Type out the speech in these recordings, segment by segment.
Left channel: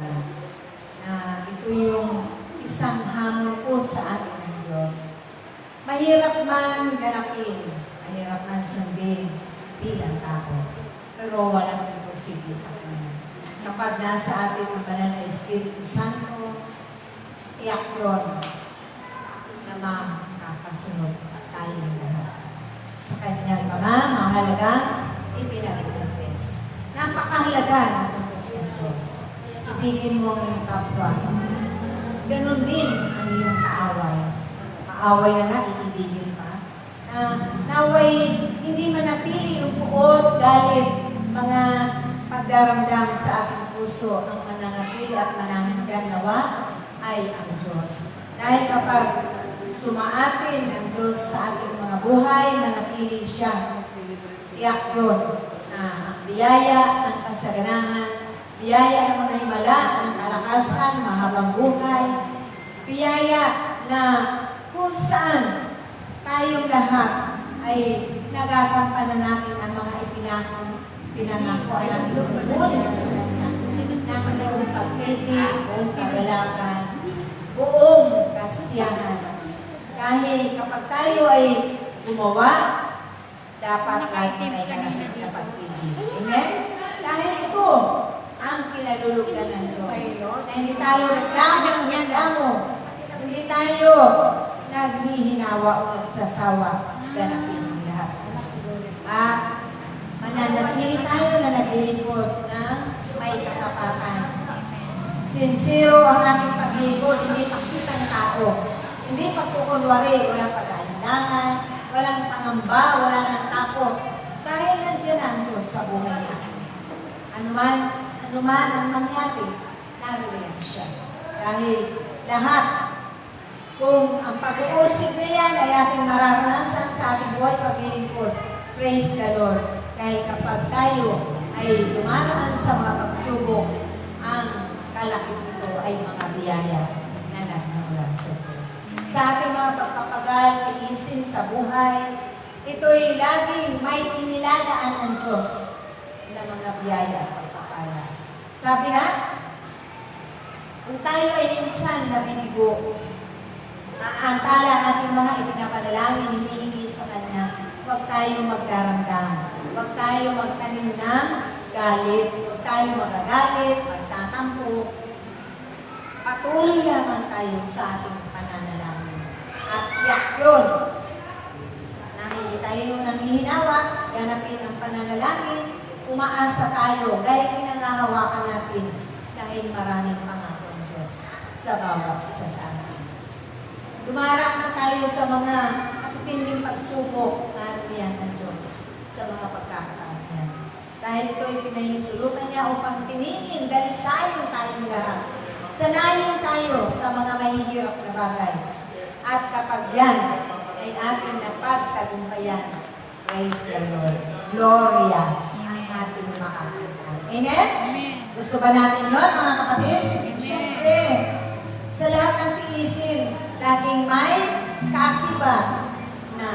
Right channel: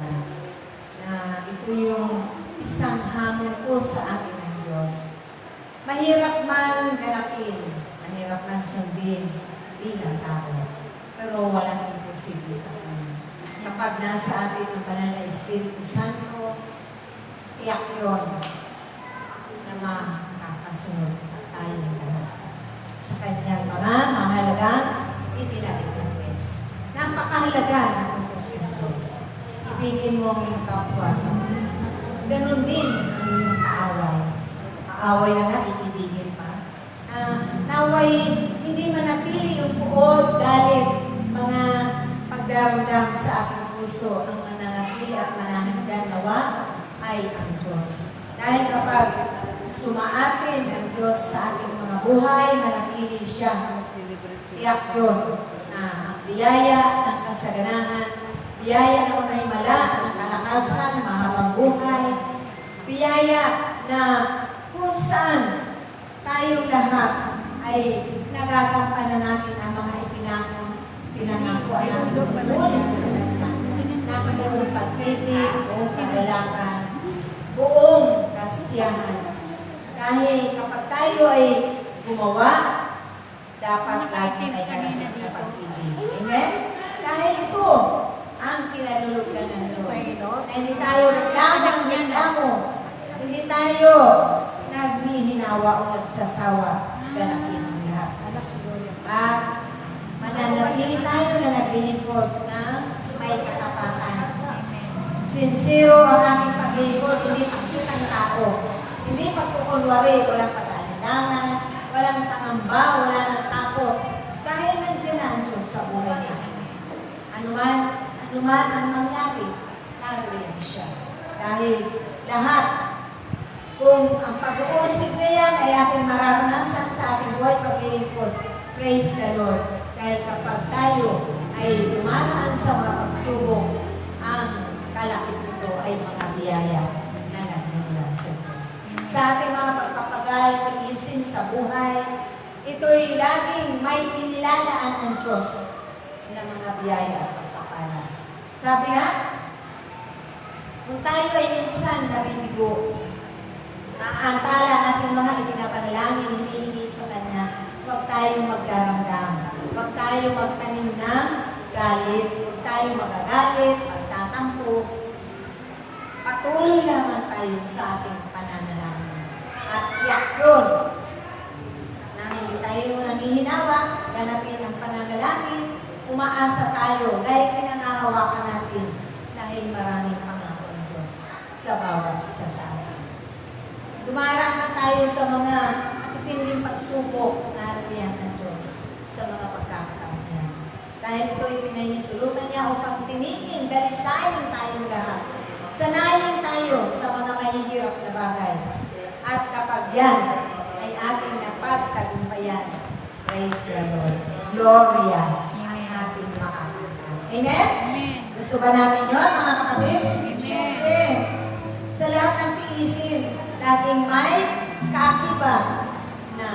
na ito yung isang hamon po sa atin ng Diyos. Mahirap man ganapin, mahirap man sundin bilang tao, pero walang imposible sa Kanya. Kapag nasa atin ang banal na Espiritu Santo, tiyak yun na makakasunod tayong lahat sa Kanyang mga mahalagang ipinagod ng Diyos. Napakahalaga ng utos ng Diyos. Ibigin mo ang iyong kapwa. Ganon din ang iyong kaaway. Maaway na nga, ibigin pa. Naway, hindi manatili yung puot, galit, mga pagdaramdam sa ating puso. Ang mananatili at manananggan nawa ay ang Diyos. Dahil kapag sumaatin ang Diyos sa ating mga buhay, manatili siya. Tiyak yun na ang biyaya ng kasaganahan, biyaya ng mga himala, ng kalakasan, mahabang buhay, biyaya na kung saan tayong lahat ay nagagampanan natin ang mga pinangakuan natin tungkol sa Kanya ng buong pag-ibig, buong kagalakan, buong kasiyahan. Dahil kapag tayo ay gumawa, dapat lagi ay kalaman na pag-ibig. Amen? Dahil ito ang kinalulugan ng Diyos. Na hindi tayo reklamo ng reklamo. Hindi tayo naghihinawa o nagsasawa. Ganapin ang lahat. At mananatili tayo na naglilingkod na may katapatan. Sincero ang ating paglilingkod, hindi pakitang tao. Hindi pagkukunwari, walang pag-aalinlangan, walang pangamba, wala ng takot. Dahil nandiyan na ang Diyos sa buhay natin. Anuman ang mangyari, naririyan siya. Dahil lahat, kung ang pag-uusig na yan ay ating mararanasan sa ating buhay paglilingkod, praise the Lord. Dahil kapag tayo ay dumaraan sa mga pagsubok, ang kalakip nito ay mga biyaya na nagmula sa Diyos. Sa ating mga pagpapagal, tiisin sa buhay, ito'y laging may inilalaan ng Diyos na mga biyaya at pagpapala. Sabi nga, kung tayo ay minsan nabibigo, maantala ating mga ipinapanalangin, hinihingi sa Kanya, huwag tayo magdaramdam, huwag tayo magtanim ng galit, huwag tayo magagalit, magtatampo. Patuloy naman tayo sa ating pananalangin. At tiyak yun, na hindi tayo nanghihinawa, ganapin ang pananalangin, umaasa tayo dahil pinangahawakan natin dahil maraming pangako ang Diyos sa bawat isa sa atin. Dumarang na tayo sa mga matitinding pagsubok na ariyan ng Diyos sa mga pagkakataon yan. Dahil ito ay pinahintulutan niya upang tiningin, dalisayin tayong lahat. Sanayin tayo sa mga mahihirap na bagay. At kapag yan ay ating napagtagumpayan, praise the Lord. Gloria ang ating makakita. Amen? Gusto ba natin yun, mga kapatid? Siyempre, sa lahat ng tiisin, laging may kaakibat na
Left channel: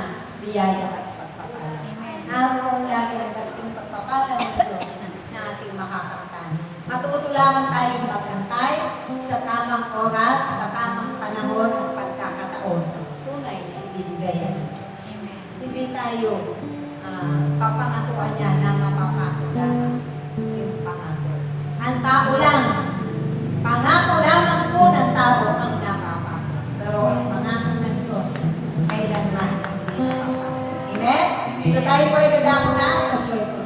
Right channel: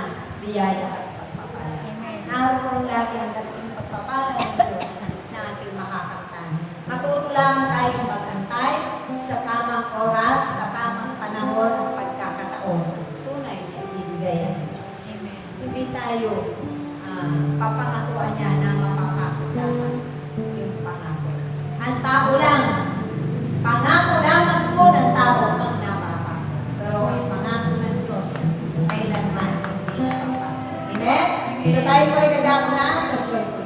biyaya at pagpapala. Naroon lagi ang dating pagpapala ng Diyos na ating makakamtan. Matuto lamang tayong magantay sa tamang oras, sa tamang panahon at pagkakataon. Tunay na ibibigay ng Diyos. Hindi tayo papangakuan niya na mapapako lamang yung pangako. Ang tao lang, pangako lamang po ng tao ang napapako. Pero ang pangako ng Diyos, kailanman hindi napapako. Amen? So tayo po ay nadamo na sa joyful